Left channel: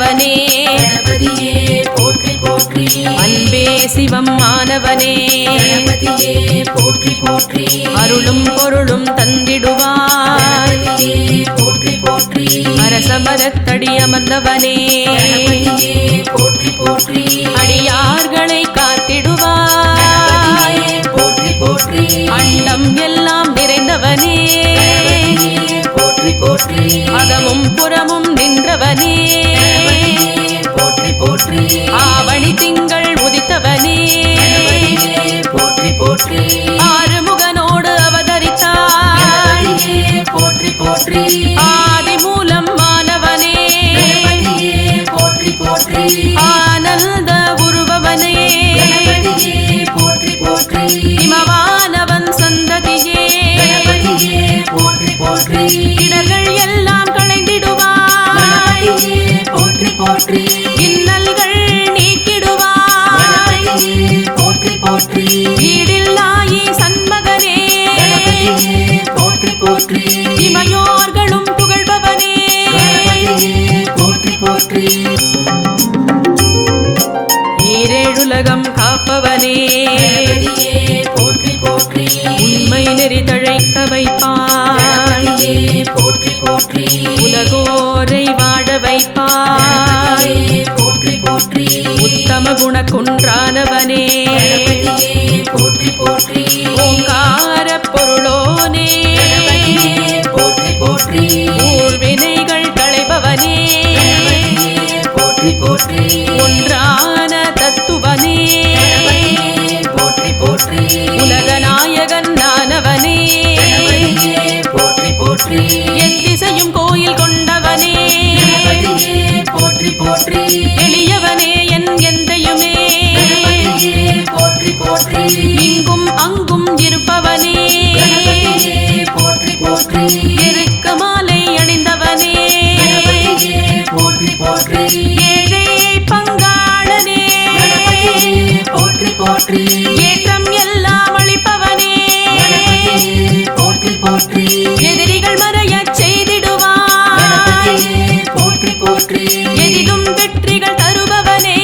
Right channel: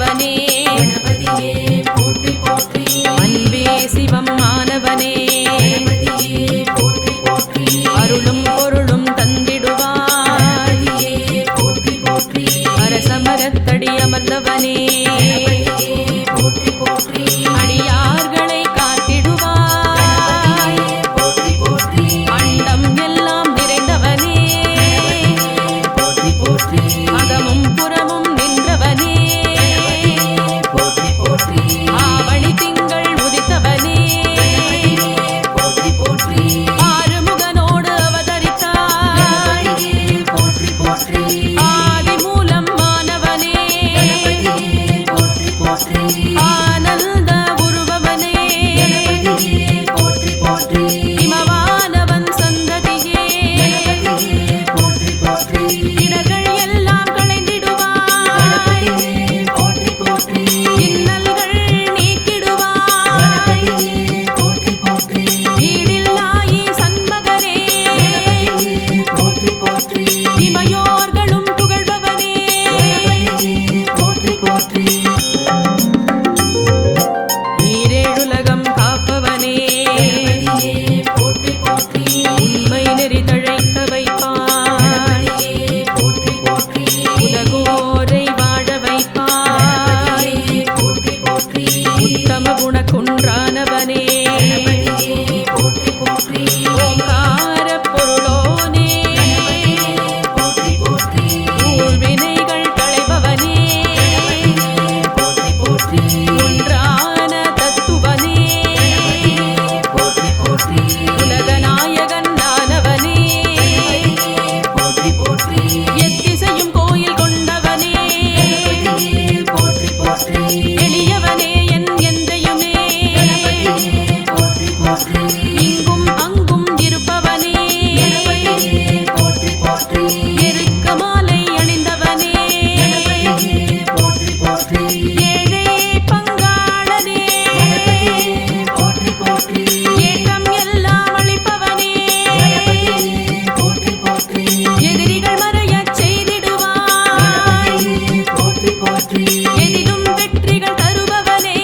ஆனவனே அன்பே சிவம் ஆனவனே அருளும் பொருளும் தந்திடுவாய் அரசமரத்தடி அமர்ந்தவனே அடியார்களை காத்திடுவாய் அண்டம் எல்லாம் நிறைந்தவனே அகமும் புறமும் நின்றவனே ஆவணி திங்கள் உதித்தவனே ஆறுமுகனோடு அவதரித்தாய் ஆதி மூலம் மாணவனே ஆனந்த உருபவனே இமவானவன் சந்ததியே இடர்கள் எல்லாம் களைந்திடுவாய் இன்னல்கள் நீக்கிடுவாய் ஈடில்லாயி சண்மகனே இமையோர்களும் புகழ்பவனே ஈரேழுலகம் காப்பவனே உண்மை நெறி தழைக்க வைப்பாய் உலகோரை வாழ வைப்பாய் உத்தம குணக்குன்றானவனே ஓங்கார பொருளோனே ஊழ்வினைகள் களைபவனே ஒன்றான தத்துவனே உலகநாயகன் நானவனே எத்திசையும் கோயில் கொண்டவனே எளியவனே என் எந்தையுமே இங்கும் அங்கும் இருப்பவனே எருக்க மாலை அணிந்தவனே ஏழையை பங்காளனே ஏற்றம் எல்லாம் அளிப்பவனே எதிரிகள் மறையச் செய்திடுவாய் எதிலும் வெற்றிகள் தருபவனே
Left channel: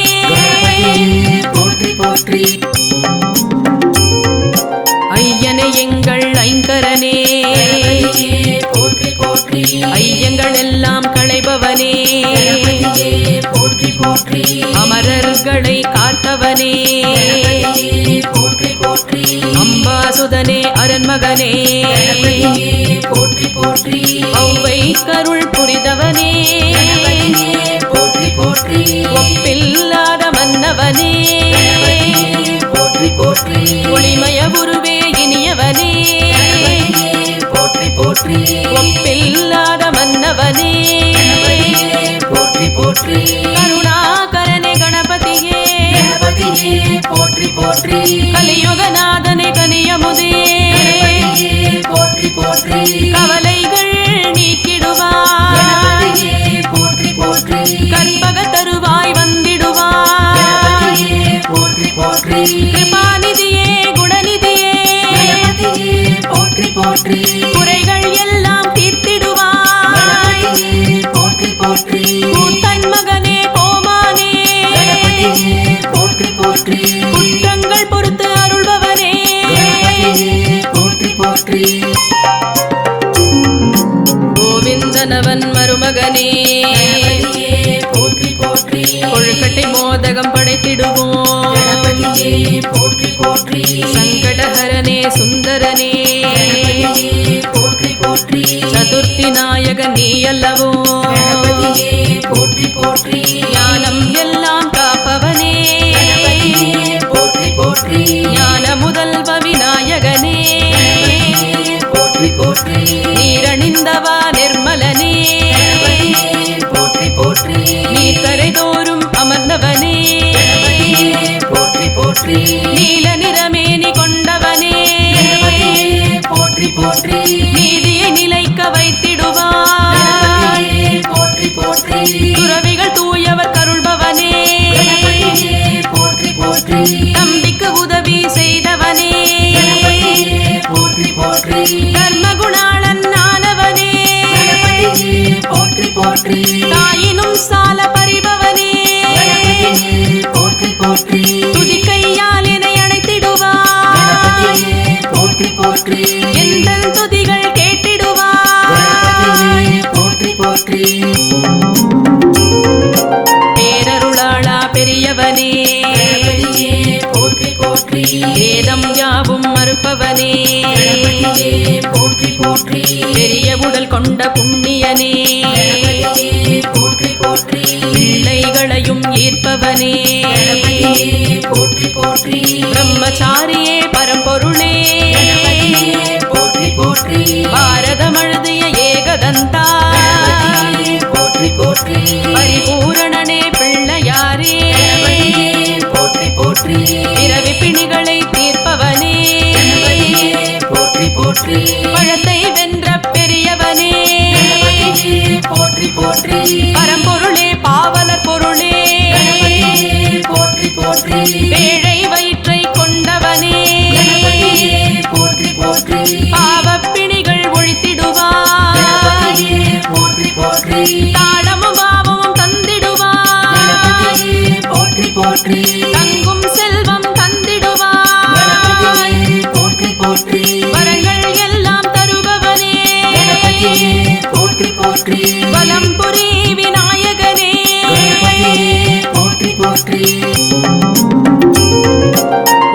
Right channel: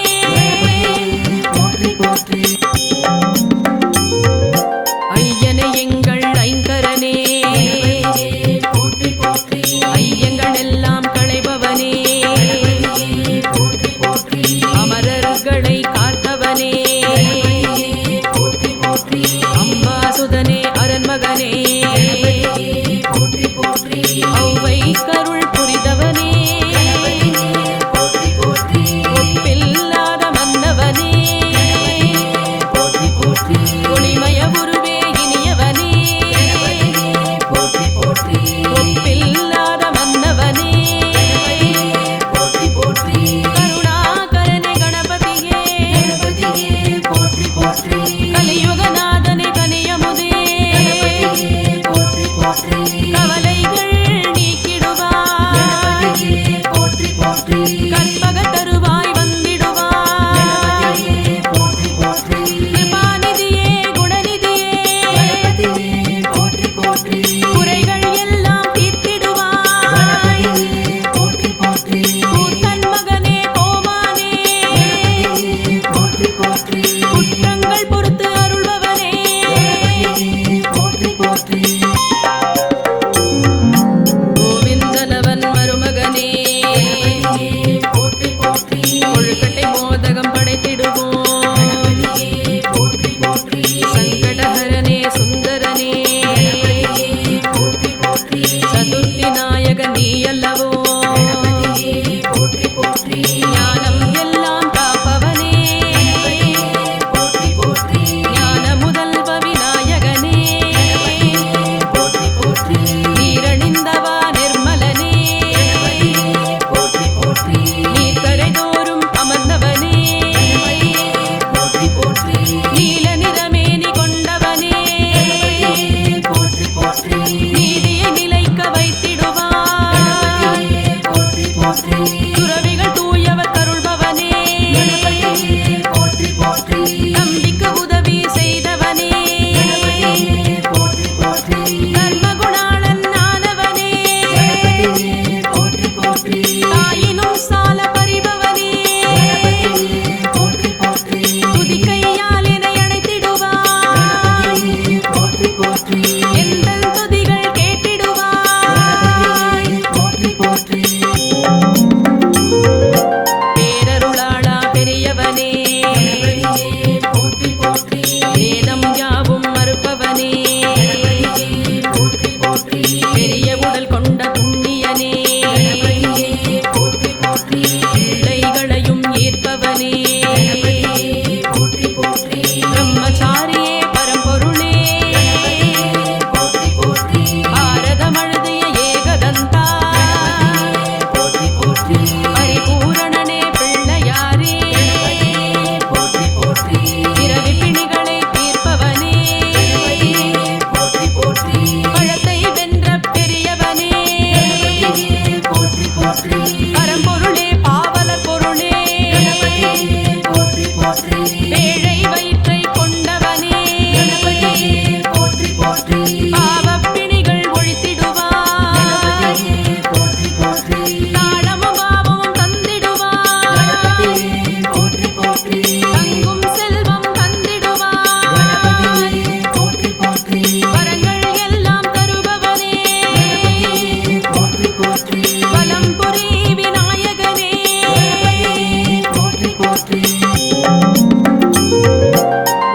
ஐயனே எங்கள் ஐங்கரனே ஐயங்கள் எல்லாம் களைபவனே அமரர்களை காத்தவனே அம்பாசுதனே அரண்மகனே ஔவை கருள் புரிதவனே ஒப்பில்லாத மன்னவனே ஒளிமய உருவே இனியவனே ஒப்பில்லாத மன்னவனே கருணாகரனே கணபதியே கலியுகநாதனே கனியமுதே கவலைகள் நீக்கிடுவாய் கற்பக தருவாய் வந்திடுவாய் கிருபாநிதியே குணநிதியே குறைகள் எல்லாம் தீர்த்திடுவாய் கூத்தன் மகனே கோமானே குற்றங்கள் பொறுத்து அருள்பவனே கோவிந்தனவன் மருமகனே கொழுக்கட்டை மோதகம் படைத்திடுவோம் சங்கடஹரனே சுந்தரனே சதுர்த்தி நாயக நீ அல்லவோ ஞானம் எல்லாம் காப்பவனே ஞான முதல்வ விநாயகனே நீரணிந்தவா நிர்மலனே நீர்க்கரை தோறும் அமர்ந்தவனே நீல நிறமேனி கொண்டவனே நீதியை நிலைக்க வைத்திடுவாய் துறவிகள் தூயவர் கருள்பவனே தம்பிக்கு உதவி செய்தவனே தர்மகுணாளன் ஆனவனே தாயினும் சால பரிப மறுப்பவனே போற்றி போற்றி பெரிய உடல் கொண்ட புண்ணியனே போற்றி போற்றி பிள்ளைகளையும் ஈர்ப்பவனே போற்றி போற்றி பிரம்மச்சாரியே பரம்பொருளே போற்றி போற்றி பாரதம் எழுதிய ஏகதந்தா போற்றி போற்றி பரிபூரணனே பிள்ளையாரே போற்றி போற்றி பிறவி பிணிகளை தீர்ப்பவனே போற்றி போற்றி பழத்தை வென்ற பெரியவனே போற்றி போற்றி பரம்பொருளே பாவலர் பொருளே போற்றி போற்றி பேழை வயிற்றை கொண்டவனே போற்றி போற்றி பாவப்பிணிகள் ஒழித்திடுவாய் போற்றி போற்றி தாளமும் பாவமும் தந்திடுவாய் போற்றி போற்றி தங்கும் செல்வம் தந்திடுவாய் போற்றி போற்றி வரங்கள் எல்லாம் தருபவனே போற்றி போற்றி வலம்புரி விநாயகனே போற்றி போற்றி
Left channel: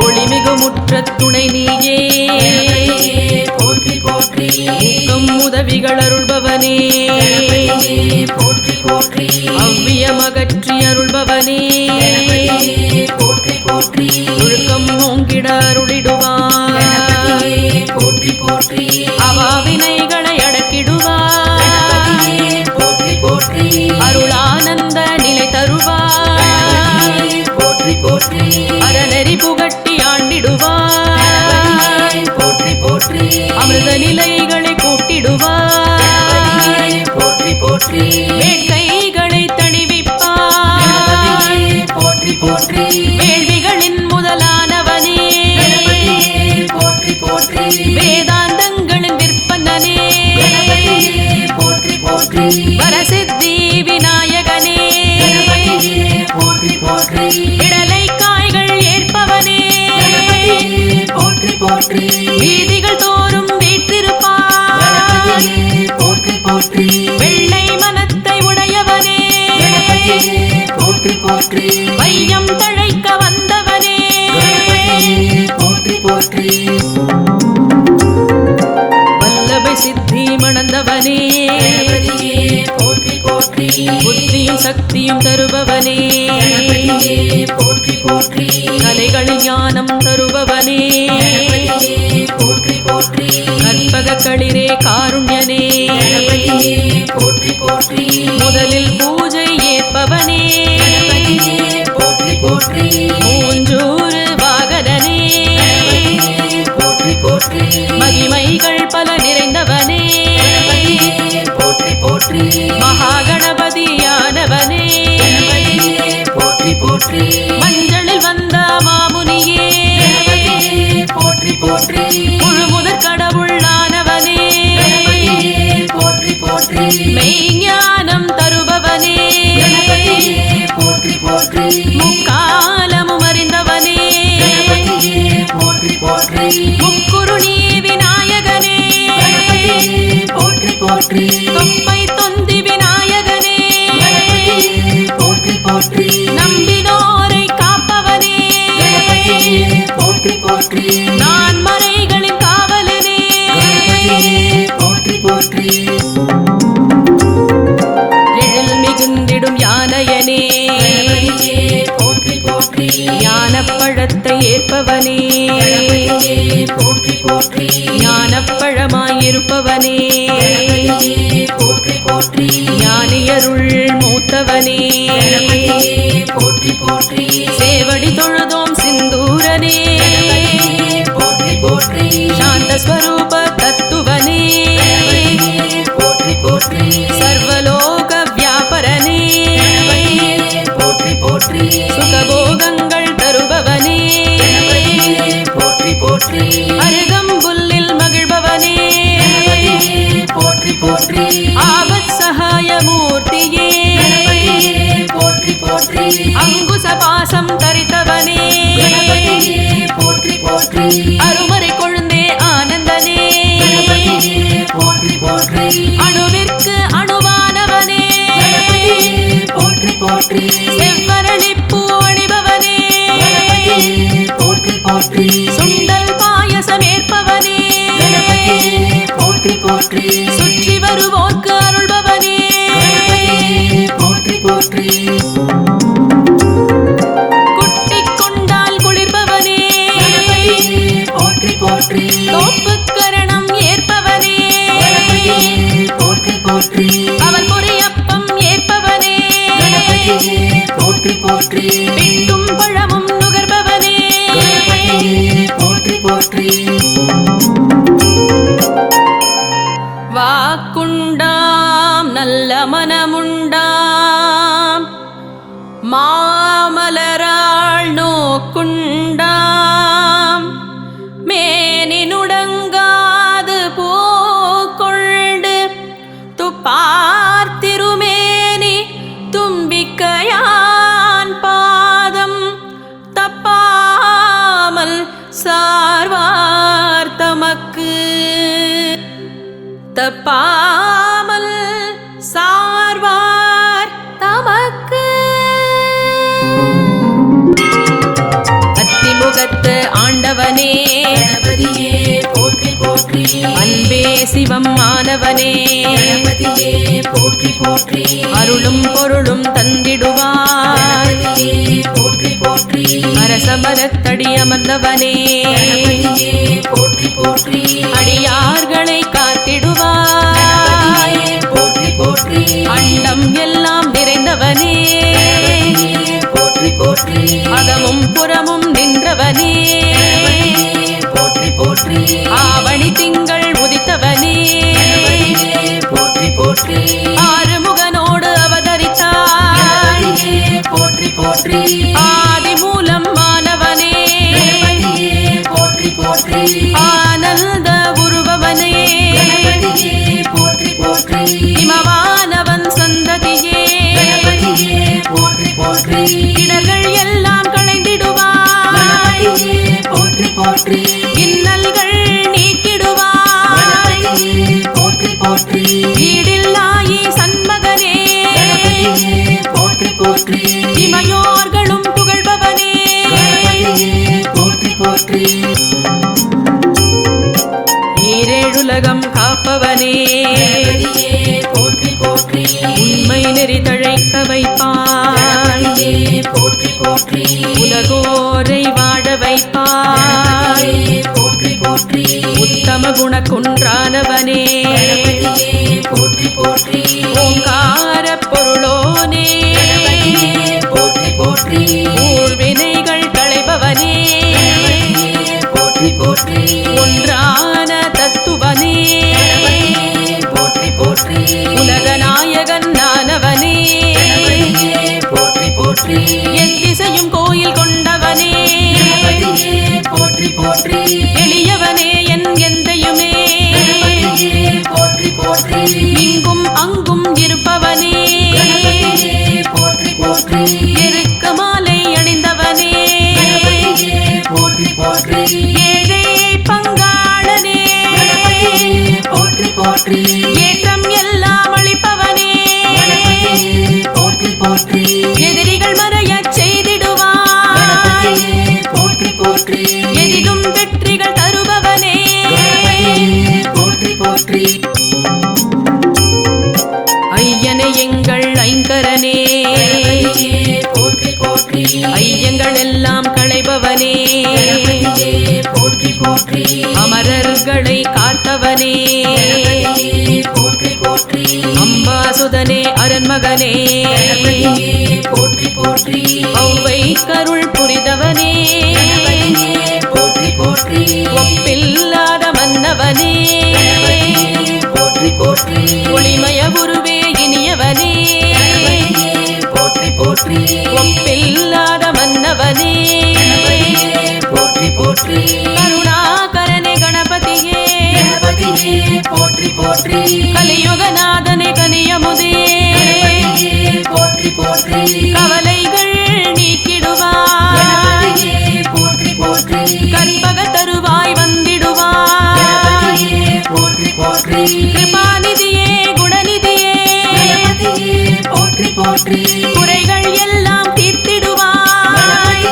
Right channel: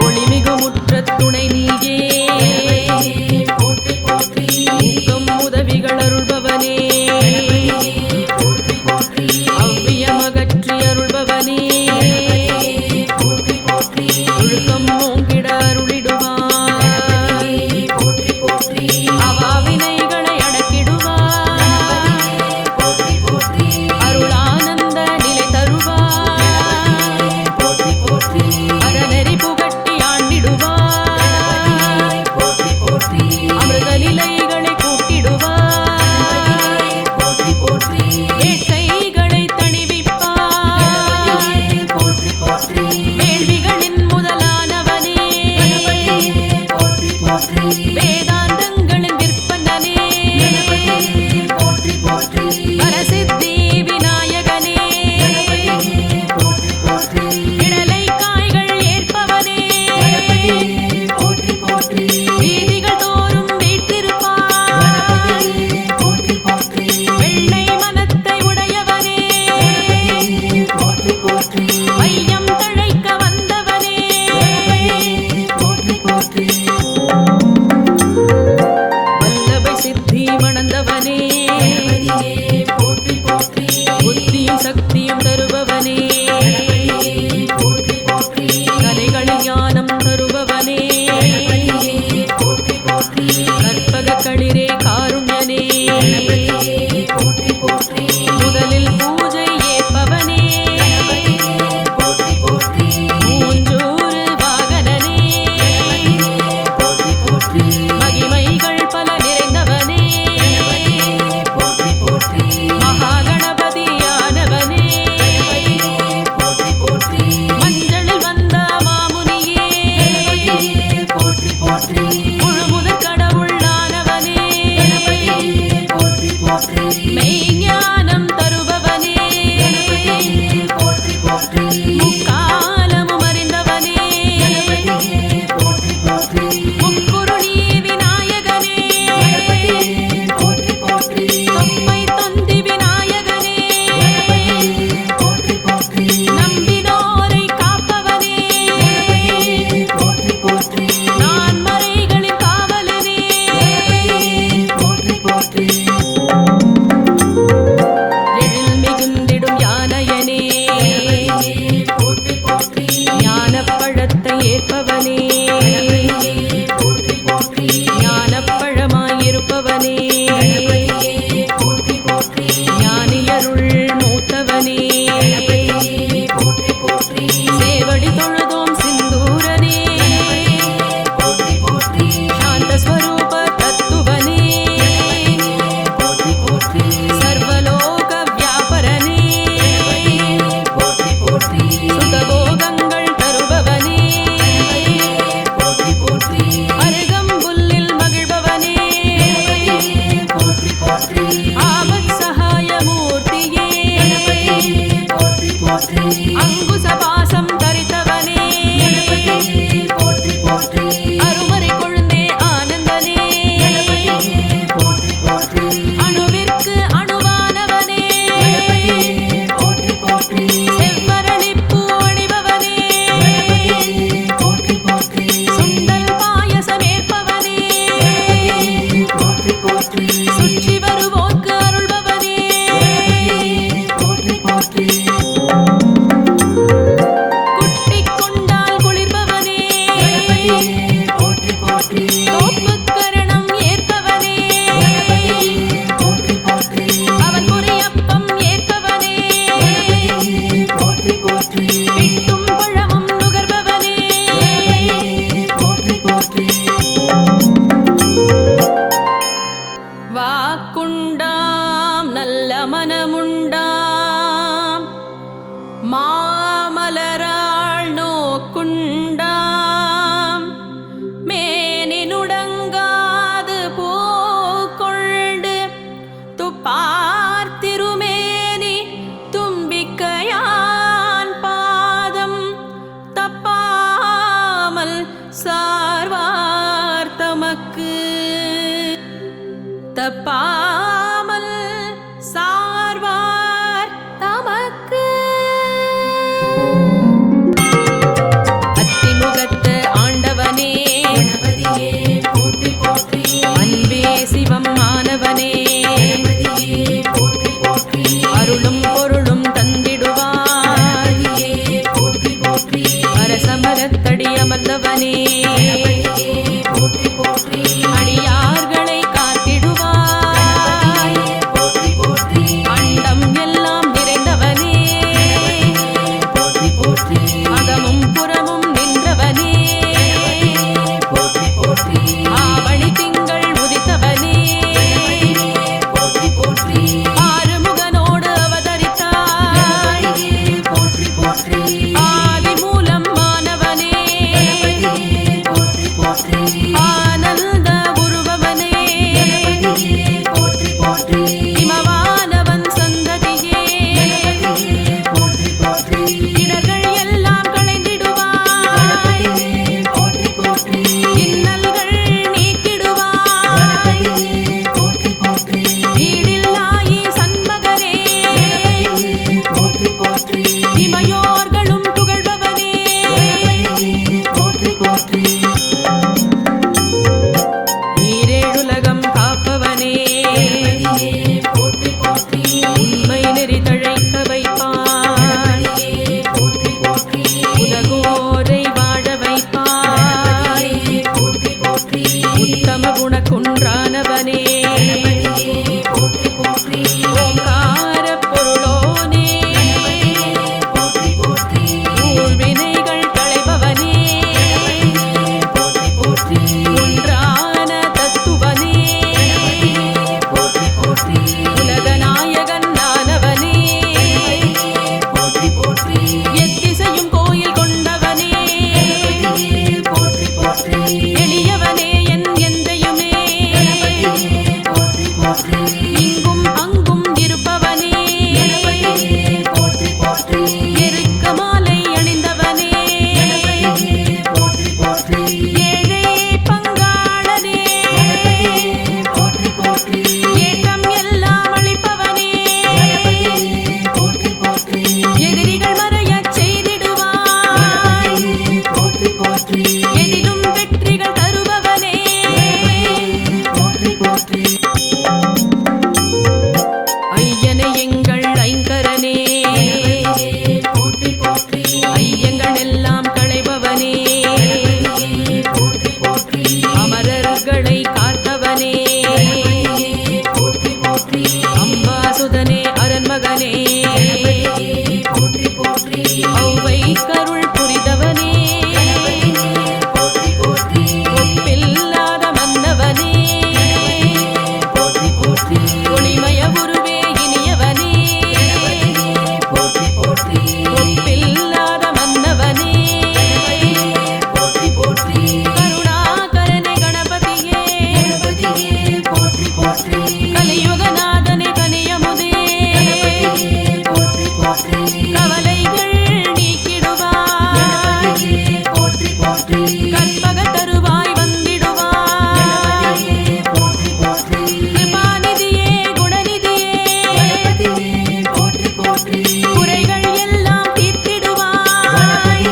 ஒளிமிகு முற்றத் துணை நீயே போற்றி போற்றி ஊக்கம் உதவிகள் அருள்பவனே போற்றி போற்றி அவ்வியமகற்றி அருள்பவனே போற்றி போற்றி ஒழுக்கம் ஓங்கிட அருளிடுவாய் போற்றி போற்றி அவாவினைகளை அடக்கிடுவாய் போற்றி போற்றி அருளானந்த நிலை தருவாய் போற்றி போற்றி அறநெறி புகட்டி ஆண்டிடுவாய் போற்றி போற்றி அமிர்த நிலைகளை கூட்டிடுவாய் போற்றி போற்றி வேட்கைகளை தணிவிப்பாய் போற்றி போற்றி வேள்விகளின் முதலானவனே போற்றி போற்றி வேதாந்தங்களின் விற்பனனே போற்றி போற்றி வரசித்தி விநாயகனே போற்றி போற்றி விடலை காய்கள் ஏற்பவனே போற்றி போற்றி வீதிகள் தோறும் வீற்றிருப்பாய் போற்றி போற்றி வெள்ளை மனத்தை உடையவனே போற்றி போற்றி வையம் தழைக்க வந்தவனே போற்றி போற்றி வல்லபை சித்தி மணந்தவனே போற்றி போற்றி புத்தியும் சக்தியும் தருபவனே போற்றி போற்றி கலைகளில் ஞானம் தருபவனே போற்றி போற்றி கற்பக களிரே காருண்யனே போற்றி போற்றி முதலில் பூஜை ஏற்பவனே போற்றி போற்றி மூஞ்சூறு வாகனனே போற்றி போற்றி மகிமைகள் பல நிறைந்தவனே போற்றி போற்றி மகாகணபதியானவனே போற்றி போற்றி மஞ்சளில் வந்த மாமுனியே போற்றி போற்றி முழுமுதற் கடவுளானவனே போற்றி போற்றி மெய்ஞானம் தருபவனே போற்றி போற்றி முக்காலமும் அறிந்தவனே போற்றி போற்றி முக்குருணி விநாயகனே போற்றி போற்றி தொப்பை தொந்தி விநாயகனே போற்றி போற்றி நம்பினோரை காப்பவனே போற்றி போற்றி நான் மறைகளின் காவலனே போற்றி போற்றி எழில் மிகுந்திடும் யானையனே போற்றி போற்றி ஞானப்பழத்தை ஏற்பவனே போற்றி போற்றி ஞானப்பழமாயிருப்பவனே போற்றி போற்றி ஞானியருள் மூத்தவனே போற்றி போற்றி சேவடி தொழுதோம் சிந்தூரனே போற்றி போற்றி சாந்த ஸ்வரூப தத்துவனே போற்றி போற்றி சர்வலோக வியாபரனே போற்றி போற்றி சுகபோகங்கள் தருபவனே போற்றி போற்றி அருகம்புல்லில் மகிழ்பவனே போற்றி போற்றி ஆபத் சகாய மூர்த்தியே போற்றி போற்றி அங்குச பாசம் தரித்தவனே போற்றி போற்றி அருமறை கொழுந்தே ஆனந்தனே போற்றி போற்றி அணுவிற்கு அணுவானவனே போற்றி போற்றி செவ்வரளிப்பூ அணிபவனே போற்றி போற்றி சுண்டல் பாயச போற்றி போற்றி தோப்புக்கரணம் ஏற்பவனே போற்றி போற்றி அவன் பொறியப்பம் ஏற்பவனே போற்றி போற்றி பிட்டும் பழமும் நுகர்பவனே போற்றி போற்றி வாக்குண்டாம் நல்ல மனமுண்டாம் மாமலராள் நோக்குண்டாம் மேனினுடங்காது பூக்கொண்டு துப்பார் திருமேனி தும்பிக்கையான் பாதம் தப்பாமல் சார்வார் தமக்கு தப்பாமல் சார்வார் தமக்கு அத்திமுகத்து ஆண்டவனே கணபதியே போற்றி போற்றி அன்பே சிவம் ஆனவனே கணபதியே போற்றி போற்றி அருளும் பொருளும் தந்திடுவாய் கணபதியே போற்றி போற்றி அரசமரத்தடி அமர்ந்தவனே கணபதியே போற்றி போற்றி அடியார்களை காத்திடுவாய் போற்றி போற்றி அண்டம் எல்லாம் நிறைந்தவனே போற்றி போற்றி அகமும் புறமும் நின்றவனே போற்றி போற்றி ஆவணி திங்கள் உதித்தவனே போற்றி போற்றி ஆறுமுகனோடு அவதரித்தாய் போற்றி போற்றி ஆதிமூலம் மாணவனே போற்றி போற்றி ஆனந்த உருபவனே போற்றி போற்றி இமவானவன் சந்ததியே போற்றி போற்றி இடர்கள் எல்லாம் களைந்திடுவாய் போற்றி போற்றி இன்னல்கள் நீக்கிடுவாய் போற்றி போற்றி ஈடில்லாயி சண்மகனே போற்றி போற்றி இமையோர்களும் புகழ்பவனே போற்றி போற்றி ஈரேழுலகம் காப்பவனே போற்றி போற்றி உண்மை நெறி தழைக்க வைப்பாய் போற்றி போற்றி உலகோரை வாழ வைப்பாய் போற்றி போற்றி உத்தம குண குன்றானவனே போற்றி போற்றி ஓங்கார பொருளோனே போற்றி போற்றி ஊழ்வினைகள் களைபவனே போற்றி போற்றி ஒன்றான தத்துவனே போற்றி போற்றி உலகநாயகன் நானவனே போற்றி போற்றி எத்திசையும் கோயில் கொண்டவனே போற்றி போற்றி எளியவனே என் எந்தையுமே போற்றி போற்றி இங்கும் அங்கும் இருப்பவனே போற்றி போற்றி எருக்க மாலை அணிந்தவனே போற்றி போற்றி ஏழை பங்காளனே போற்றி போற்றி ஏற்றம் எல்லாம் அளிப்பவனே போற்றி போற்றி எதிரிகள் மறையச் செய்திடுவாய் போற்றி போற்றி எதிலும் வெற்றிகள் தருபவனே போற்றி போற்றி ஐயனே எங்கள் ஐங்கரனே போற்றி போற்றி ஐயங்கள் எல்லாம் களைபவனே போற்றி போற்றி அமரர்களை காத்தவனே போற்றி போற்றி அம்பாசுதனே அரண்மகனே போற்றி போற்றி ஔவை கருள் புரிதவனே போற்றி போற்றி ஒப்பில்லாத மன்னவனே போற்றி போற்றி ஒளிமய உருவே இனியவனே போற்றி போற்றி ஒப்பில்லாத மன்னவனே போற்றி போற்றி கருணாகரனே கணபதியே போற்றி போற்றி கலியுகநாதனே கனியமுதே போற்றி போற்றி கவலைகள் நீக்கிடுவாய் போற்றி போற்றி கற்பக தருவாய் வந்திடுவாய் போற்றி போற்றி கிருபாநிதியே குணநிதியே போற்றி போற்றி குறைகள் எல்லாம் தீர்த்திடுவாய்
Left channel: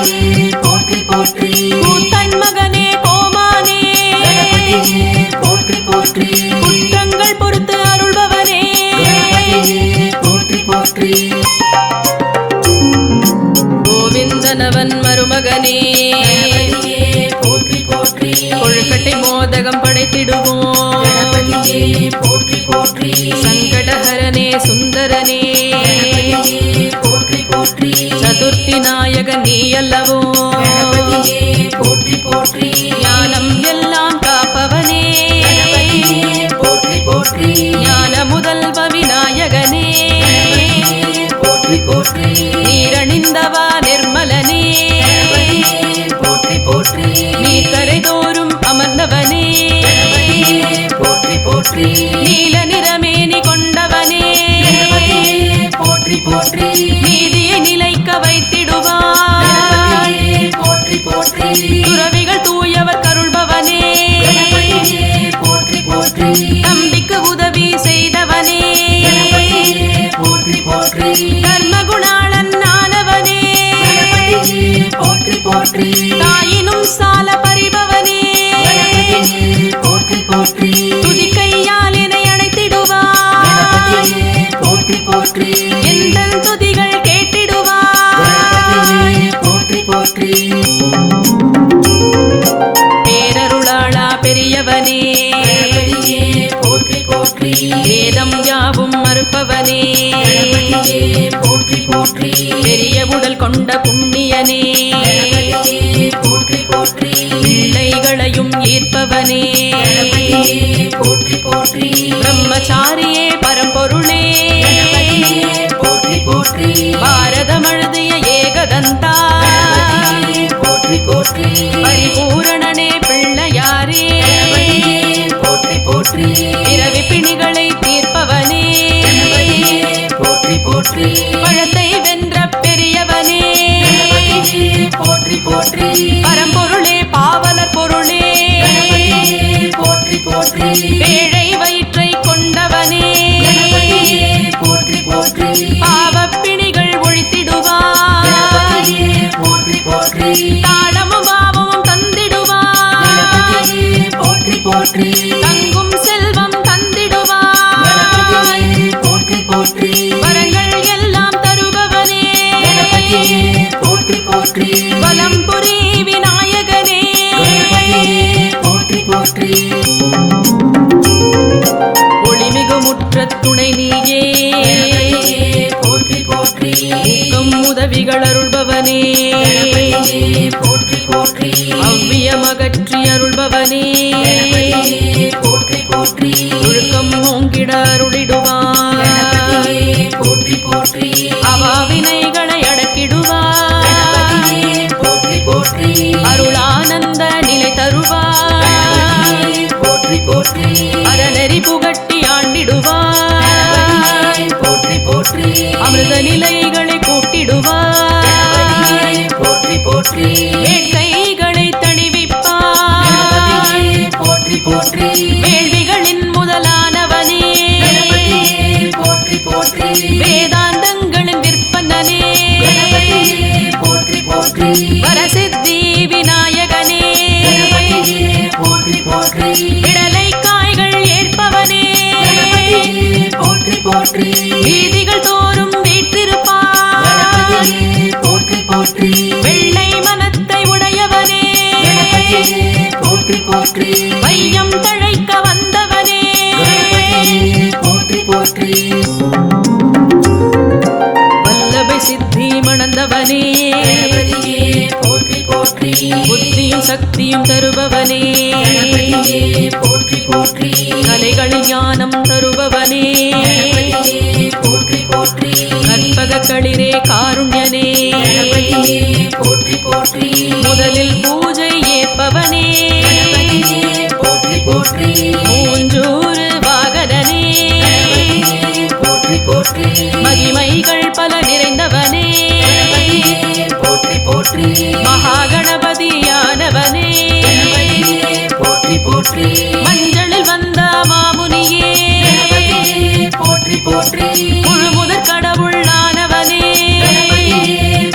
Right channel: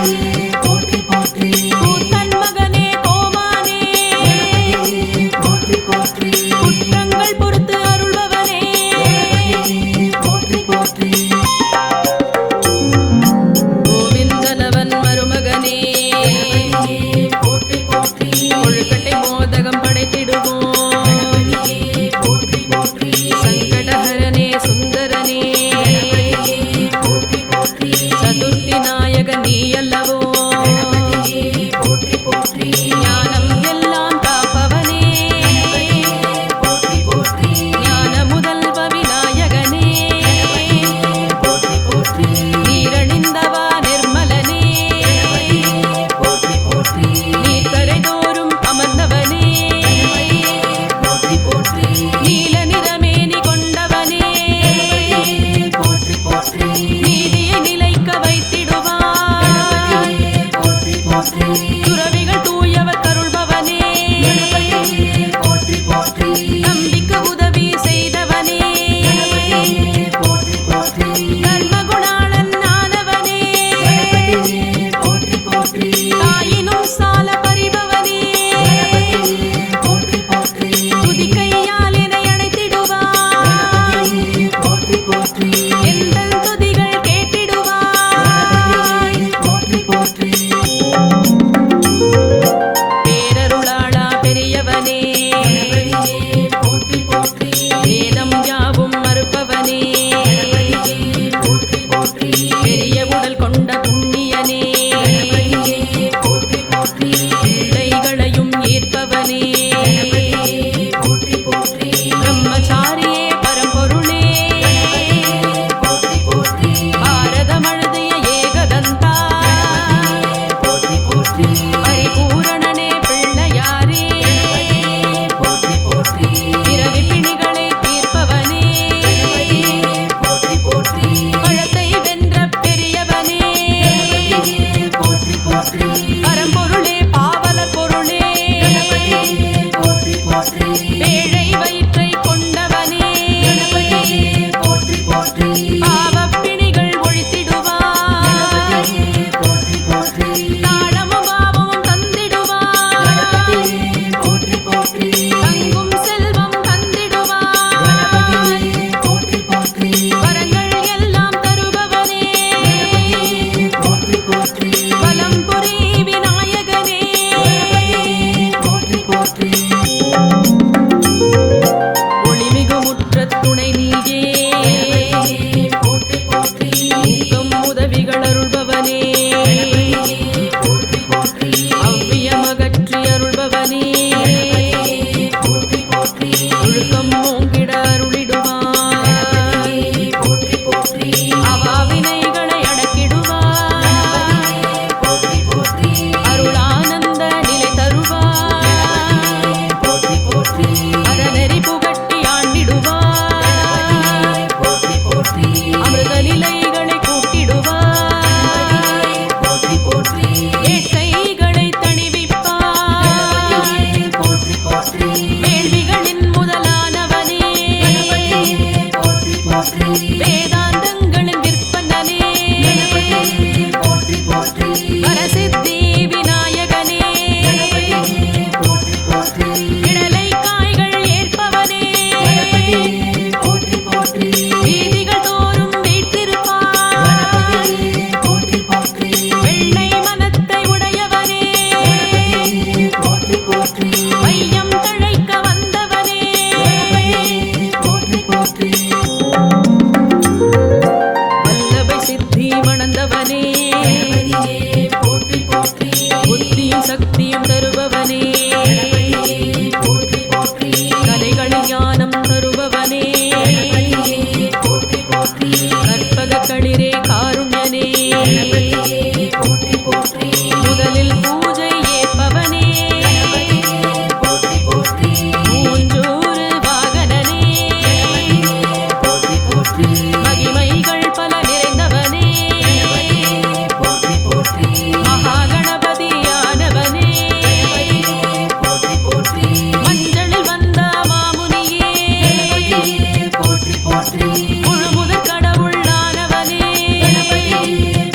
போற்றி போற்றி கூத்தன் மகனே கோமானே போற்றி போற்றி குற்றங்கள் பொறுத்து அருள்பவனே போற்றி போற்றி கோவிந்தனவன் மருமகனே போற்றி போற்றி கொழுக்கட்டை மோதகம் படைத்திடுவோம். கணபதியே போற்றி போற்றி சங்கடஹரனே சுந்தரனே போற்றி போற்றி சதுர்த்தி நாயகன் நீ அல்லவோ. கணபதியே போற்றி போற்றி ஞானம் எல்லாம் காப்பவனே போற்றி போற்றி ஞான முதல்வ விநாயகனே போற்றி போற்றி நீரணிந்தவா நிர்மலனே போற்றி போற்றி நீர்க்கரை தோறும் அமர்ந்தவனே போற்றி போற்றி நீல நிறமேனி கொண்டவனே போற்றி போற்றி நீதியை நிலைக்க வைத்திடுவாய். போற்றி போற்றி துறவிகள் தூயவர் கருள்பவனே போற்றி போற்றி நம்பிக்கு உதவி செய்தவனே போற்றி போற்றி தர்மகுணாளன் ஆனவனே போற்றி போற்றி தாயினும் சால பறிபவனே போற்றி போற்றி துதிக்கையால் என்னை அணைத்திடுவாய். போற்றி போற்றி எந்த துதிகள் கேட்டிடுவாய். போற்றி போற்றி பேரருளாளா பெரியவனே போற்றி போற்றி வேதம் யாவும் மறுப்பவனே போற்றி போற்றி பெரிய உடல் கொண்ட புண்ணியனே போற்றி போற்றி பிள்ளைகளையும் ஈர்ப்பவனே போற்றி போற்றி பிரம்மச்சாரியே பரம்பொருளே போற்றி போற்றி பாரதம் அழுதிய ஏகதந்தா போற்றி போற்றி பரிபூரணனே பிள்ளையாரே போற்றி போற்றி பிறவி பிணிகளை தீர்ப்பவனே போற்றி போற்றி பழத்தை வென்ற பெரியவனே போற்றி போற்றி பரம்பொருளே பாவலர் பொருளே போற்றி போற்றி பேழை வயிற்றை கொண்டவனே போற்றி போற்றி பாவப்பிணிகள் ஒழித்திடுவாய். போற்றி போற்றி தாளமும் பாவமும் தந்திடுவாய். போற்றி போற்றி தங்கும் செல்வம் தந்திடுவாய். போற்றி போற்றி வரங்கள் எல்லாம் தருபவனே போற்றி போற்றி வலம் புரி விநாயகனே போற்றி போற்றி ஒளிமிகு முற்றத் துணை நீயே போற்றி போற்றி ஊக்கம் உதவிகள் அருள்பவனே போற்றி போற்றி அவ்வியமகற்றி அருள்பவனே போற்றி போற்றி ஒழுக்கம் ஓங்கிட அருளிடுவாய். போற்றி போற்றி அவாவினைகளை அடக்கிடுவாய். போற்றி போற்றி அருளானந்த நிலை தருவாய். போற்றி போற்றி அறநெறி புகட்டி ஆண்டிடுவாய். போற்றி போற்றி அமிர்த நிலைகளை கூட்டிடுவாய். போற்றி போற்றி வேட்கைகளை தணிவிப்பாய். போற்றி போற்றி வேள்விகளின் முதலானவனே போற்றி போற்றி வேதாந்தங்களின் விற்பனனே போற்றி போற்றி வரசித்தி விநாயகனே போற்றி போற்றி விடலை காய்கள் ஏற்பவனே போற்றி போற்றி வீதிகள் தோறும் வீற்றிருப்பாய். போற்றி போற்றி வெள்ளை மனத்தை உடையவனே போற்றி போற்றி வையம் தழைக்க வந்தவனே போற்றி போற்றி வல்லபை சித்தி மணந்தவனே போற்றி போற்றி புத்தியும் சக்தியும் தருபவனே போற்றி போற்றி கலைகளில் ஞானம் தருபவனே போற்றி போற்றி கற்பக களிரே காருண்யனே போற்றி போற்றி முதலில் பூஜை ஏற்பவனே போற்றி போற்றி மூஞ்சூறு வாகனனே போற்றி போற்றி மகிமைகள் பல நிறைந்தவனே போற்றி போற்றி மகாகணபதியானவனே போற்றி போற்றி மஞ்சளில் வந்த மாமுனியே போற்றி போற்றி முழுமுதற் கடவுளானவனே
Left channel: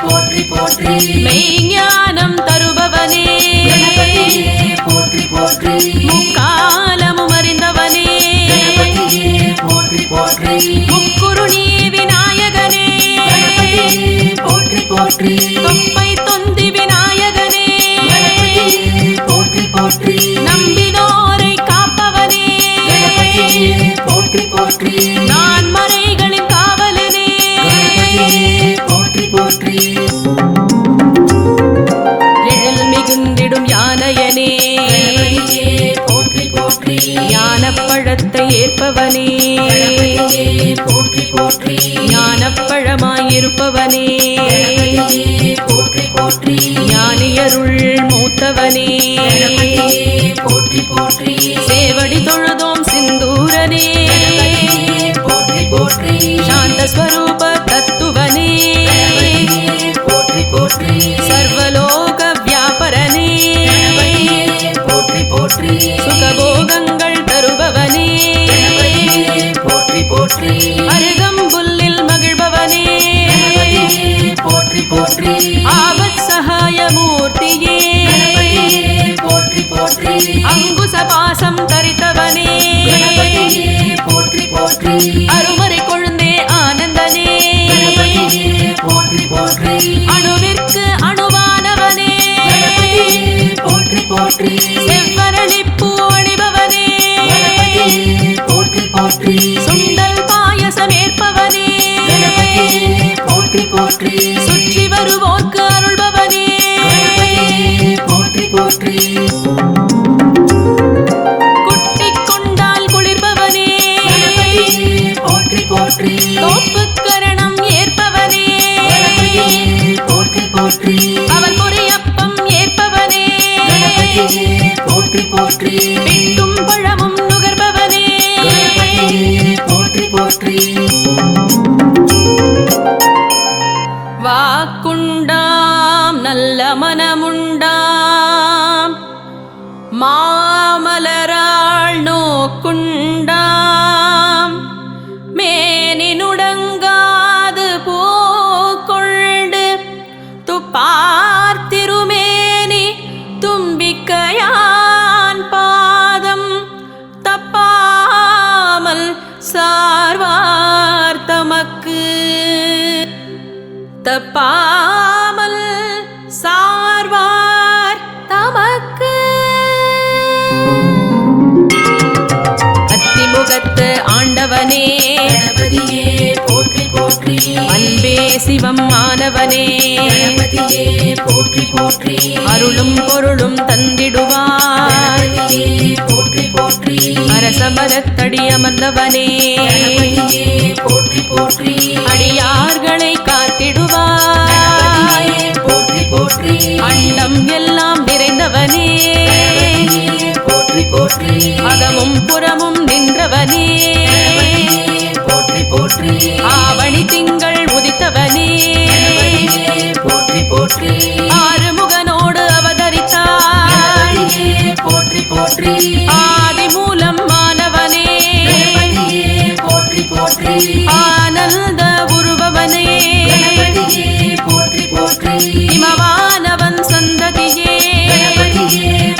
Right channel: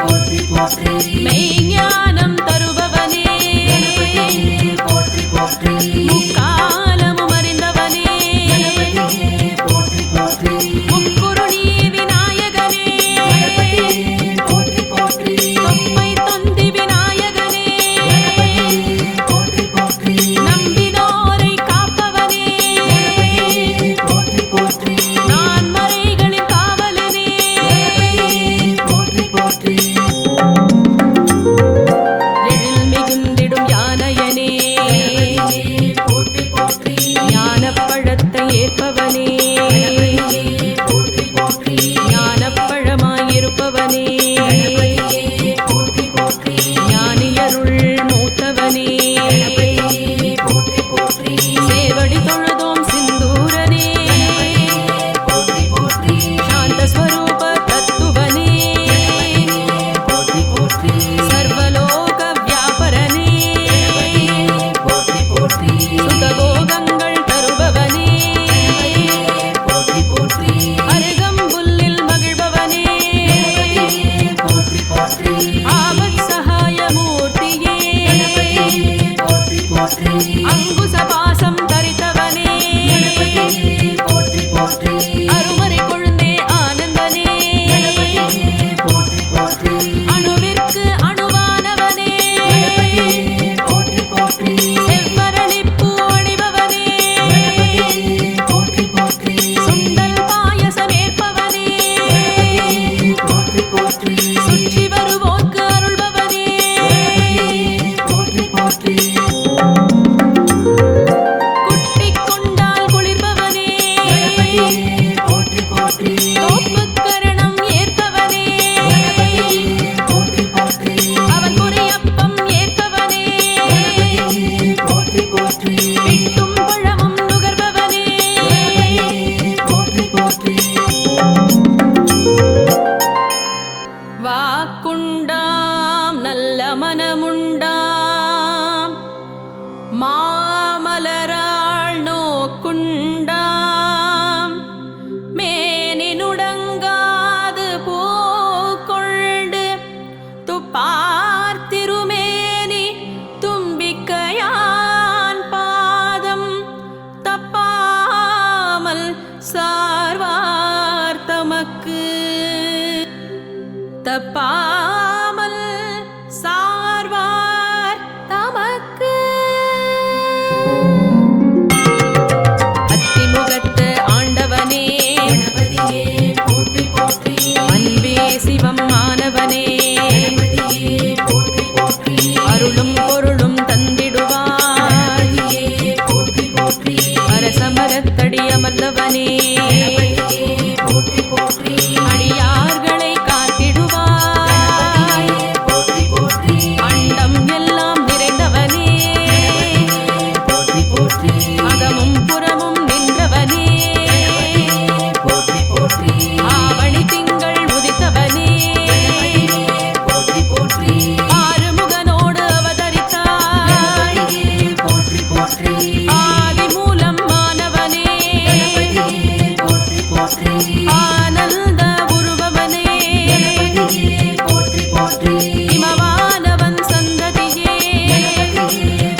போற்றி போற்றி மெய்ஞானம் தருபவனே போற்றி போற்றி முக்காலமும் அறிந்தவனே போற்றி போற்றி முக்குருணி விநாயகனே போற்றி போற்றி தொப்பை தொந்தி விநாயகனே போற்றி போற்றி போற்றி நான் மறைகளின் காவலனே போற்றி போற்றி எழில் மிகுந்திடும் யானையனே போற்றி போற்றி ஞானப்பழத்தை ஏற்பவனே போற்றி போற்றி ஞானப்பழமாயிருப்பவனே போற்றி போற்றி ஞானியருள் மூத்தவனே போற்றி போற்றி சேவடி தொழுதோம் சிந்தூரனே போற்றி போற்றி சாந்த ஸ்வரூப தத்துவனே போற்றி போற்றி சர்வலோக வியாபரனே போற்றி போற்றி சுகபோகங்கள் தருபவனே போற்றி போற்றி அருகம்புல்லில் மகிழ்பவனே போற்றி போற்றி ஆபத் சகாய மூர்த்தியே போற்றி போற்றி அங்குச பாசம் தரித்தவனே போற்றி போற்றி அருமறை கொழுந்தே ஆனந்தனே போற்றி போற்றி அணுவிற்கு அணுவானவனே போற்றி போற்றி செவ்வரளிப்பூ அணிபவனே போற்றி போற்றி சுண்டல் பாயசம் ஏற்பவனே போற்றி போற்றி சுற்றி வருவோர்க்கு அருள்பவனே போற்றி போற்றி குட்டிக் கொண்டால் குளிர்பவனே போற்றி போற்றி தோப்புக்கரணம் ஏற்பவனே போற்றி போற்றி அவள் பொரியப்பம் ஏற்பவனே போற்றி போற்றி பிட்டும் பழமும் நுகர்பவனே போற்றி போற்றி வாக்குண்டாம் நல்ல மனமுண்டாம் மாமலராள் நோக்குண்டாம் மேனினுடங்காது பூக்கொண்டு துப்பார்த்திருமேனி தும்பிக்கையான் பாதம் தப்பாமல் சார்வார் தமக்கு தப்பாமல் சார்வார் தமக்கு அத்திமுகத்து ஆண்டவனே கணபதியே போற்றி போற்றி அன்பே சிவம் ஆனவனே கணபதியே போற்றி போற்றி அருளும் பொருளும் தந்திடுவாய் கணபதியே போற்றி போற்றி அரசமரத்தடி அமர்ந்தவனே போற்றி போற்றி அடியார்களை காத்திடுவாய் போற்றி போற்றி அண்டம் எல்லாம் நிறைந்தவனே போற்றி போற்றி அகமும் புறமும் நின்றவனே போற்றி போற்றி ஆவணி திங்கள் உதித்தவனே போற்றி போற்றி ஆறுமுகனோடு அவதரித்தாய் போற்றி போற்றி ஆதிமூலம் மாணவனே போற்றி போற்றி ஆனந்த உருவவனே போற்றி போற்றி இமவானவன் சந்ததியே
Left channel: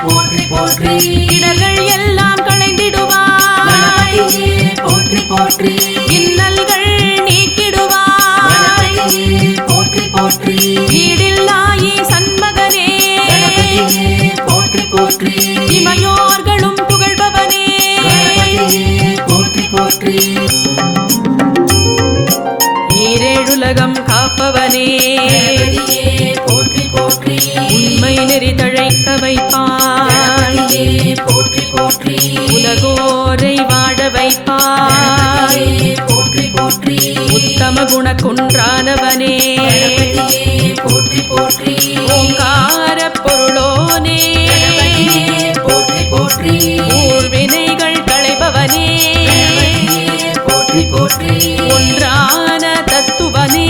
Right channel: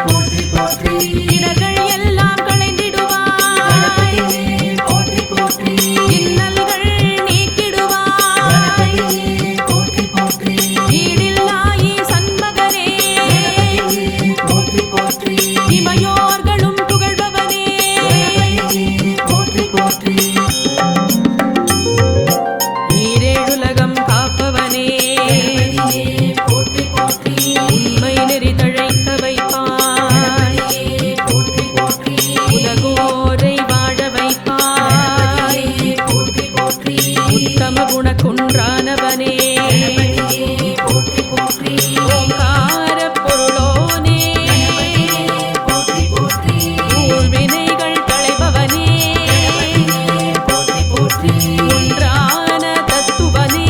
போற்றி போற்றி இடர்கள் எல்லாம் களைந்திடுவாய் போற்றி போற்றி இன்னல்கள் நீக்கிடுவாய் போற்றி போற்றி ஈடில்லாயி சண்மகனே போற்றி போற்றி இமையோர்களும் புகழ்பவனே போற்றி போற்றி ஈரேழுலகம் காப்பவனே போற்றி போற்றி உண்மை நெறி தழைக்க வைப்பாய் போற்றி போற்றி உலகோரை வாழ வைப்பாய் போற்றி போற்றி உத்தம குண குன்றானவனே போற்றி போற்றி ஓங்கார பொருளோனே போற்றி போற்றி ஊழ்வினைகள் களைபவனே போற்றி போற்றி ஒன்றான தத்துவனே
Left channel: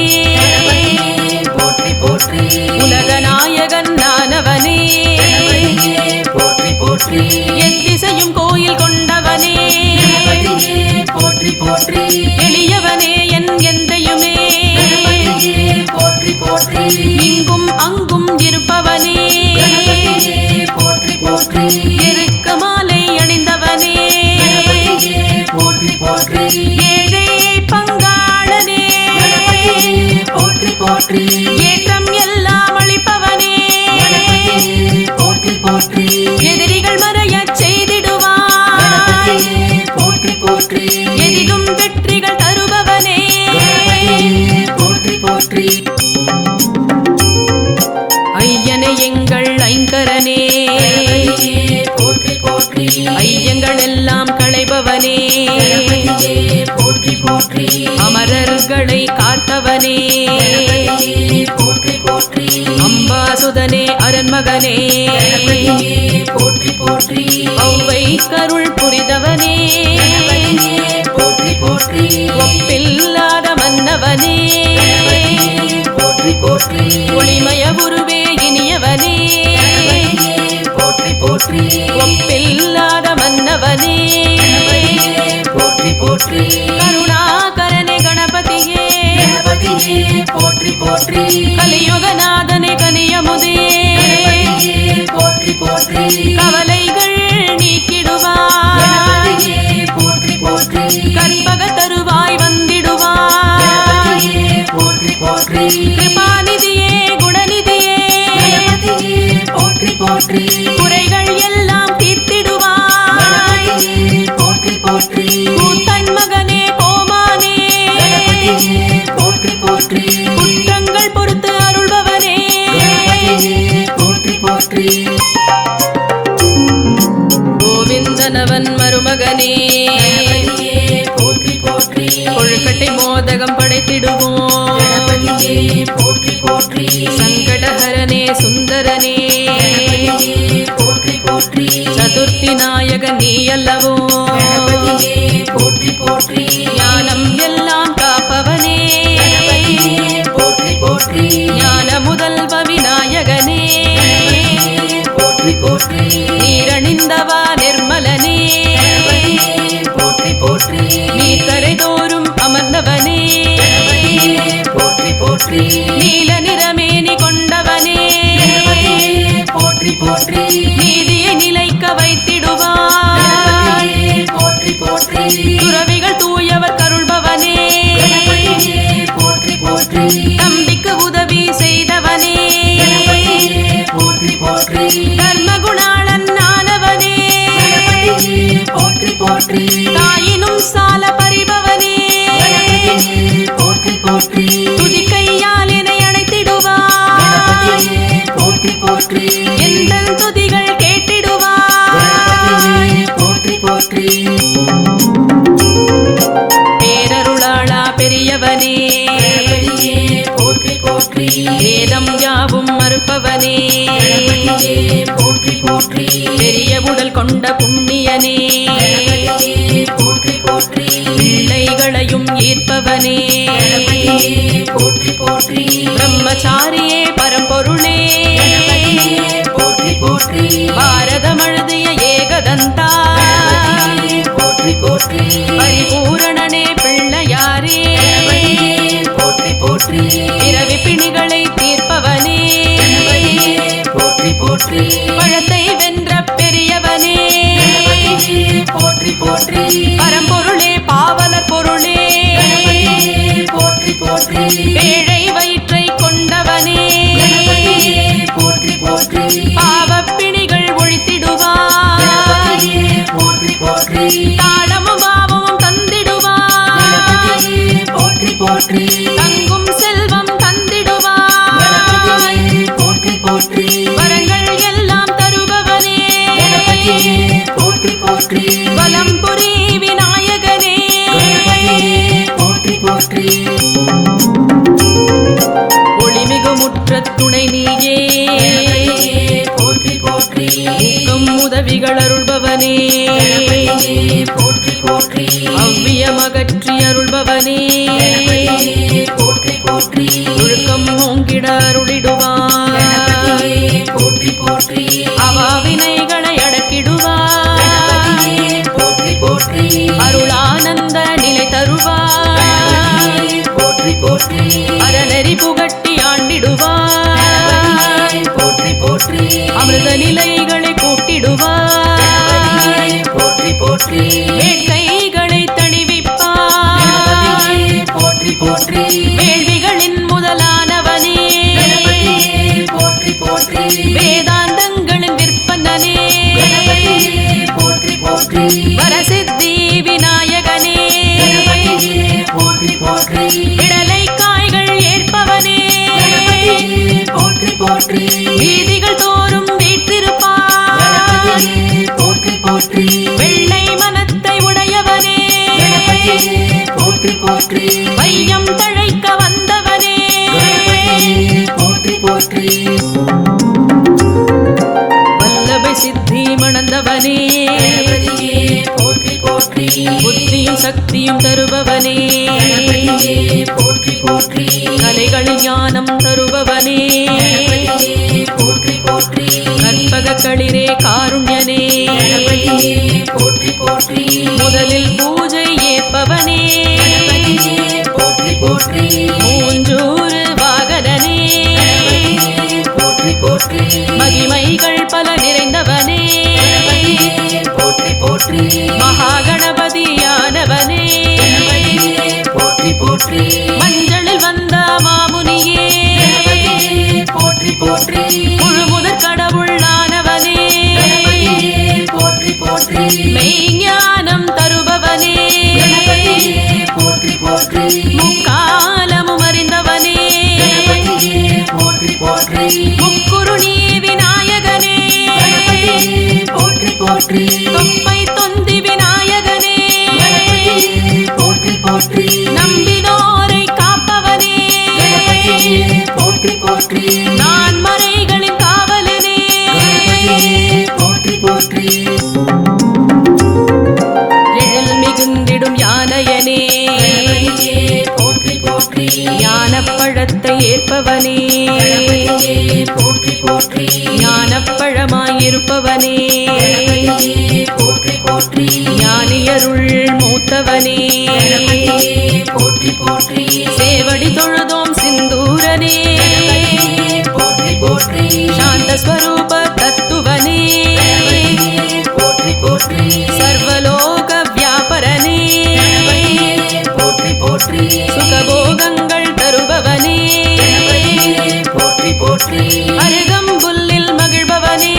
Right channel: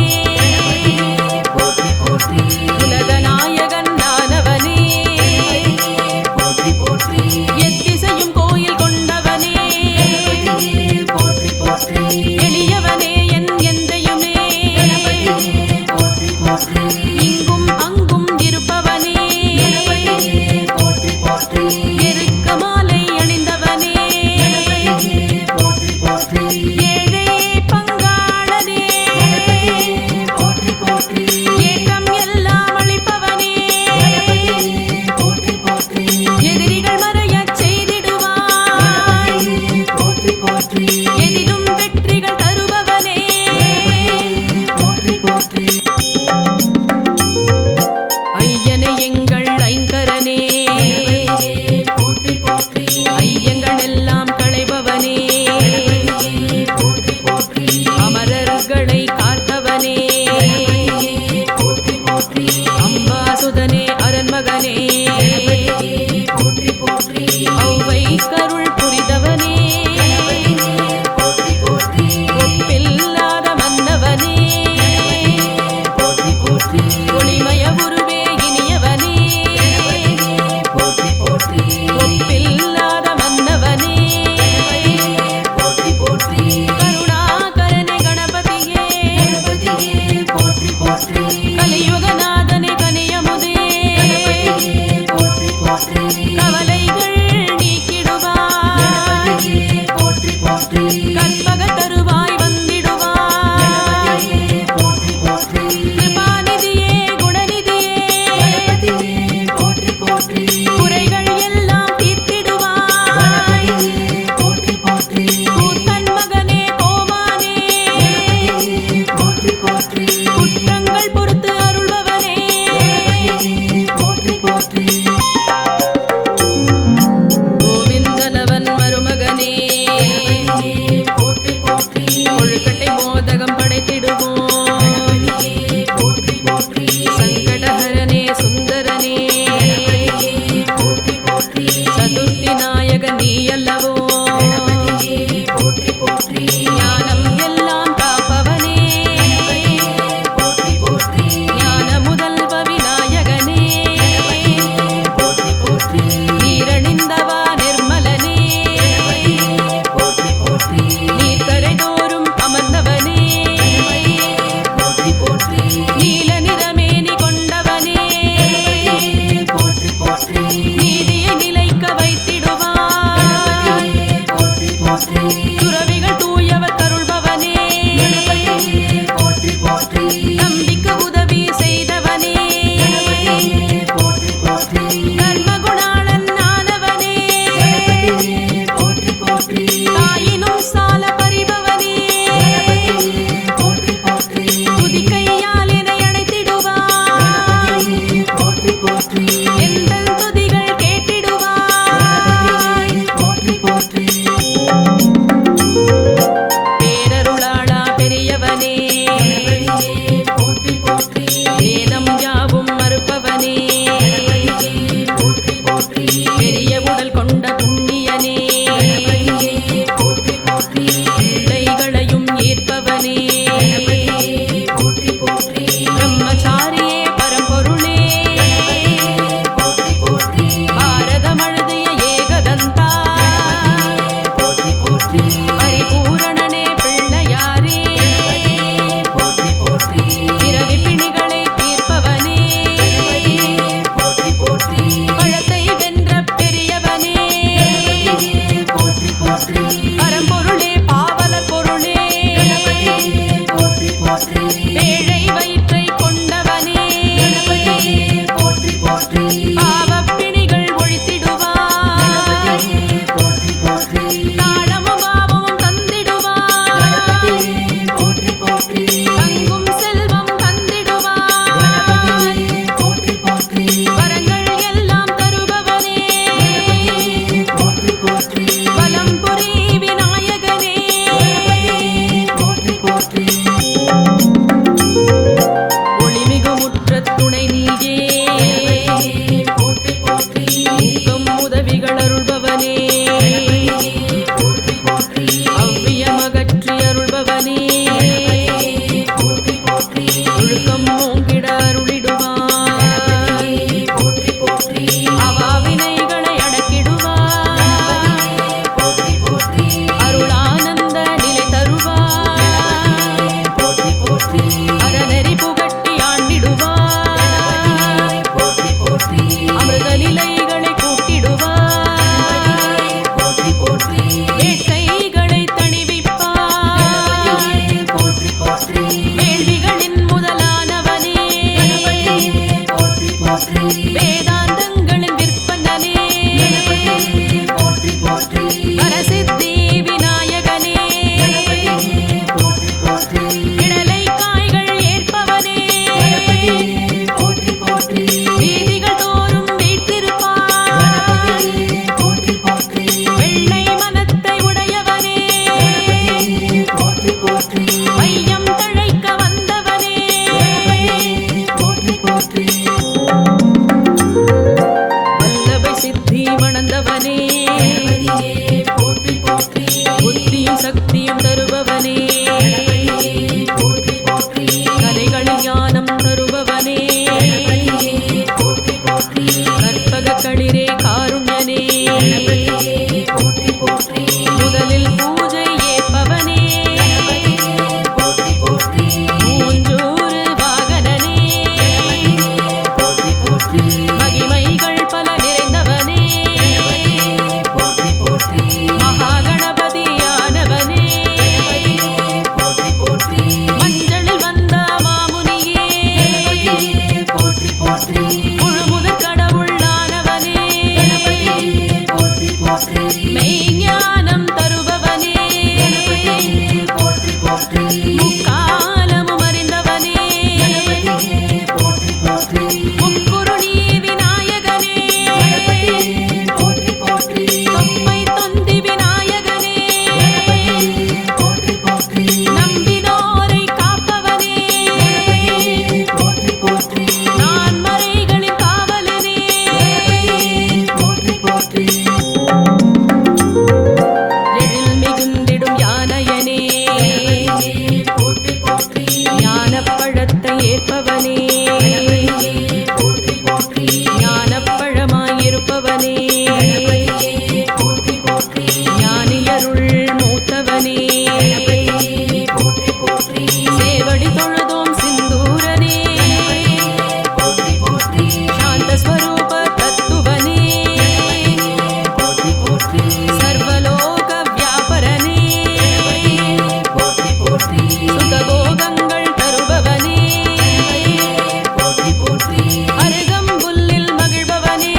போற்றி போற்றி உலகநாயகன் நானவனே போற்றி போற்றி எத்திசையும் கோயில் கொண்டவனே போற்றி போற்றி எளியவனே என் எந்தையுமே போற்றி போற்றி இங்கும் அங்கும் இருப்பவனே போற்றி போற்றி எருக்க மாலை அணிந்தவனே போற்றி போற்றி ஏழை பங்காளனே போற்றி போற்றி ஏற்றம் எல்லாம் அளிப்பவனே போற்றி போற்றி எதிரிகள் மறையச் செய்திடுவாய் போற்றி போற்றி எதிலும் ஐயங்கள் எல்லாம் களைபவனே போற்றி போற்றி அமரர்களை காத்தவனே போற்றி போற்றி அம்பாசுதனே அரண்மகனே போற்றி போற்றி ஔவை கருள் புரிதவனே போற்றி போற்றி ஒப்பில்லாத மன்னவனே போற்றி போற்றி ஒளிமய உருவே இனியவனே போற்றி போற்றி ஒப்பில்லாத மன்னவனே போற்றி போற்றி கருணாகரனே கணபதியே கணபதியே போற்றி போற்றி கலியுகநாதனே கனியமுதே போற்றி போற்றி கவலைகள் நீக்கிடுவாய் போற்றி போற்றி கற்பக தருவாய் வந்திடுவாய் போற்றி போற்றி கிருபாநிதியே குணநிதியே போற்றி போற்றி குறைகள் எல்லாம் தீர்த்திடுவாய் போற்றி போற்றி கூத்தன் மகனே கோமானே போற்றி போற்றி குற்றங்கள் பொறுத்து அருள்பவனே போற்றி போற்றி கோவிந்தனவன் மருமகனே போற்றி போற்றி கொழுக்கட்டை மோதகம் படைத்திடுவோம் போற்றி போற்றி சங்கடஹரனே சுந்தரனே போற்றி போற்றி சதுர்த்தி நாயகன் நீ அல்லவோ போற்றி போற்றி ஞானம் எல்லாம் காப்பவனே போற்றி போற்றி ஞான முதல்வ விநாயகனே போற்றி போற்றி நீரணிந்தவா நிர்மலனே போற்றி போற்றி நீர்க்கரை தோறும் அமர்ந்தவனே போற்றி போற்றி நீல நிறமேனி கொண்டவனே போற்றி போற்றி நீதியை நிலைக்க வைத்திடுவாய் போற்றி போற்றி துறவிகள் தூயவர் கருள்பவனே போற்றி போற்றி நம்பிக்கு உதவி செய்தவனே போற்றி போற்றி தர்மகுணாளன் ஆனவனே போற்றி போற்றி தாயினும் சால பறிபவனே போற்றி போற்றி துதிக்கையால் என்னை அணைத்திடுவாய் போற்றி போற்றி எந்த துதிகள் கேட்டிடுவாய் போற்றி போற்றி பேரருளாளா பெரியவனே போற்றி போற்றி வேதம் யாவும் மறுப்பவனே போற்றி போற்றி பெரிய உடல் கொண்ட புண்ணியனே போற்றி போற்றி பிள்ளைகளையும் ஈர்ப்பவனே போற்றி போற்றி பிரம்மச்சாரியே பரம்பொருளே போற்றி போற்றி பாரதம் அழுதிய ஏகதந்தா போற்றி போற்றி பரிபூரணனே பிள்ளையாரே போற்றி போற்றி பிறவி பிணிகளை தீர்ப்பவனே போற்றி போற்றி பழத்தை வென்ற பெரியவனே போற்றி போற்றி பரம்பொருளே பாவலர் பொருளே போற்றி போற்றி பேழை வயிற்றை கொண்டவனே போற்றி போற்றி பாவப்பிணிகள் ஒழித்திடுவாய் போற்றி போற்றி தாளமும் பாவமும் தந்திடுவாய் போற்றி போற்றி தங்கும் செல்வம் தந்திடுவாய் போற்றி போற்றி வரங்கள் எல்லாம் தருபவனே போற்றி போற்றி வலம் புரி விநாயகனே போற்றி போற்றி ஒளிமிகு முற்றத் துணை நீயே போற்றி போற்றி ஊக்கம் உதவிகள் அருள்பவனே போற்றி போற்றி அவ்வியமகற்றி அருள்பவனே போற்றி போற்றி ஒழுக்கம் ஓங்கிட அருளிடுவாய் போற்றி போற்றி அவாவினைகளை அடக்கிடுவாய் போற்றி போற்றி அருளானந்த நிலை தருவாய் போற்றி போற்றி அறநெறி புகட்டி ஆண்டிடுவாய் போற்றி போற்றி அமிர்த நிலைகளை கூட்டிடுவாய் போற்றி போற்றி வேட்கைகளை தணிவிப்பாய் போற்றி போற்றி வேள்விகளின் முதலானவனே போற்றி போற்றி வேதாந்தங்களின் விற்பனனே போற்றி போற்றி வரசித்தி விநாயகனே போற்றி போற்றி இடலை காய்கள் ஏற்பவனே போற்றி போற்றி வீதிகள் தோறும் வீற்றிருப்பாய் போற்றி போற்றி போற்றி வெள்ளை மனத்தை உடையவனே போற்றி போற்றி வையம் தழைக்க வந்தவனே போற்றி போற்றி வல்லபை சித்தி மணந்தவனே போற்றி போற்றி புத்தியும் சக்தியும் தருபவனே போற்றி போற்றி கலைகளில் ஞானம் தருபவனே போற்றி போற்றி கற்பக களிரே காருண்யனே போற்றி போற்றி முதலில் பூஜை ஏற்பவனே போற்றி போற்றி மூஞ்சூறு வாகனனே போற்றி போற்றி மகிமைகள் பல நிறைந்தவனே போற்றி போற்றி மகாகணபதியானவனே போற்றி போற்றி மஞ்சளில் வந்த மாமுனியே போற்றி போற்றி முழுமுதற் கடவுளானவனே போற்றி போற்றி மெய்ஞானம் தருபவனே போற்றி போற்றி முக்காலமும் அறிந்தவனே போற்றி போற்றி முக்குருணி விநாயகனே போற்றி போற்றி தொப்பை தொந்தி விநாயகனே போற்றி போற்றி நம்பினோரை காப்பவனே போற்றி போற்றி நான் மறைகளின் காவலனே போற்றி போற்றி எழில் மிகுந்திடும் யானையனே போற்றி போற்றி ஞானப்பழத்தை ஏற்பவனே போற்றி போற்றி ஞானப்பழமாயிருப்பவனே போற்றி போற்றி ஞானியருள் மூத்தவனே போற்றி போற்றி சேவடி தொழுதோம் சிந்தூரனே போற்றி போற்றி சாந்த ஸ்வரூப தத்துவனே போற்றி போற்றி சர்வலோக வியாபரனே போற்றி போற்றி சுகபோகங்கள் தருபவனே போற்றி போற்றி அருகம்புல்லில் மகிழ்பவனே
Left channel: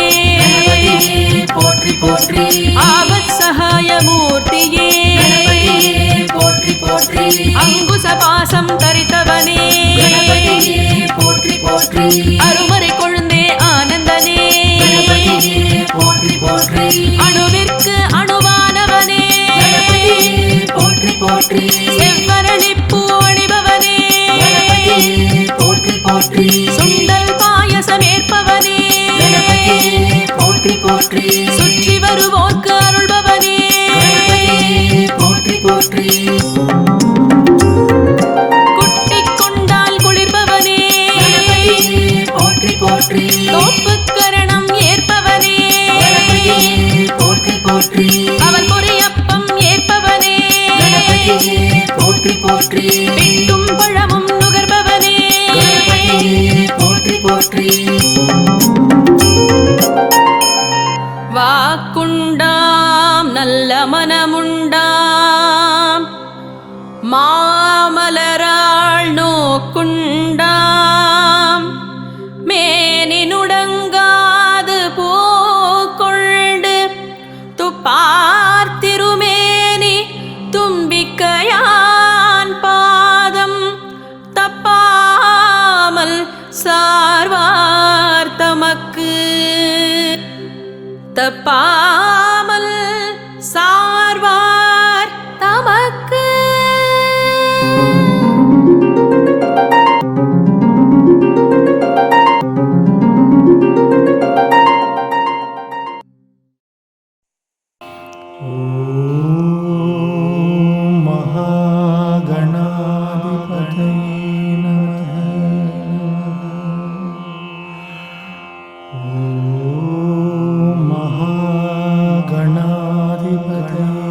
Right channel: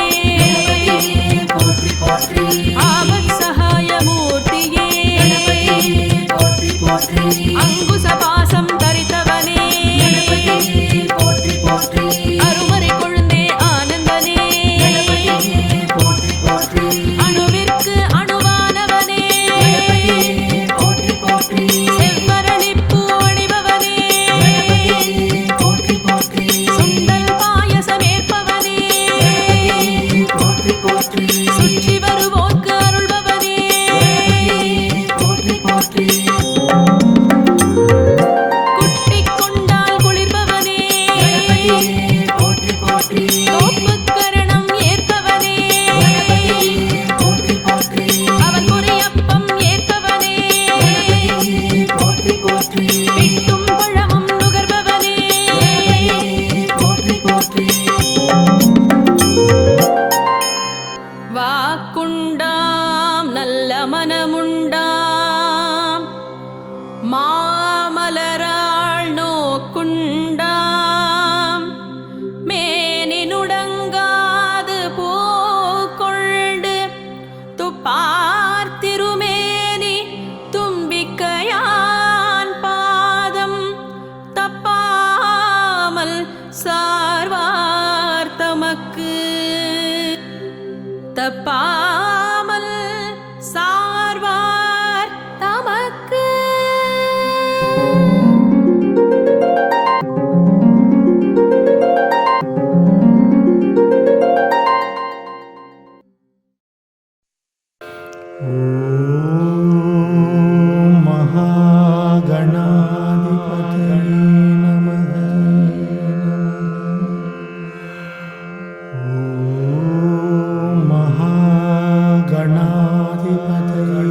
போற்றி போற்றி ஆபத் சகாய மூர்த்தியே போற்றி போற்றி அங்குச பாசம் தரித்தவனே போற்றி போற்றி அருமறை கொழுந்தே ஆனந்தனே போற்றி போற்றி அணுவிற்கு அணுவானவனே போற்றி போற்றி செவ்வரளிப்பூ அணிபவனே போற்றி போற்றி சுண்டல் பாயசம் ஏற்பவனே போற்றி போற்றி சுற்றி வருவோர்க்கு அருள்பவனே போற்றி போற்றி குட்டிக் கொண்டால் குளிர்பவனே போற்றி போற்றி தோப்புக்கரணம் ஏற்பவனே போற்றி போற்றி அவள் பொரியப்பம் ஏற்பவனே போற்றி போற்றி பிட்டும் பழமும் நுகர்பவனே போற்றி போற்றி வாக்குண்டாம் நல்ல மனமுண்டாம் மாமலராள் நோக்குண்டாம் மேனி நுடங்காது பூக்கொண்டு துப்பார்த்திருமேனி தும்பிக்கையான் பாதம் தப்பாமல் சார்வார் தமக்கு தப்பாமல் சார்வார் தமக்கு ॐ महागणाधिपतये नमः। ॐ महागणाधिपतये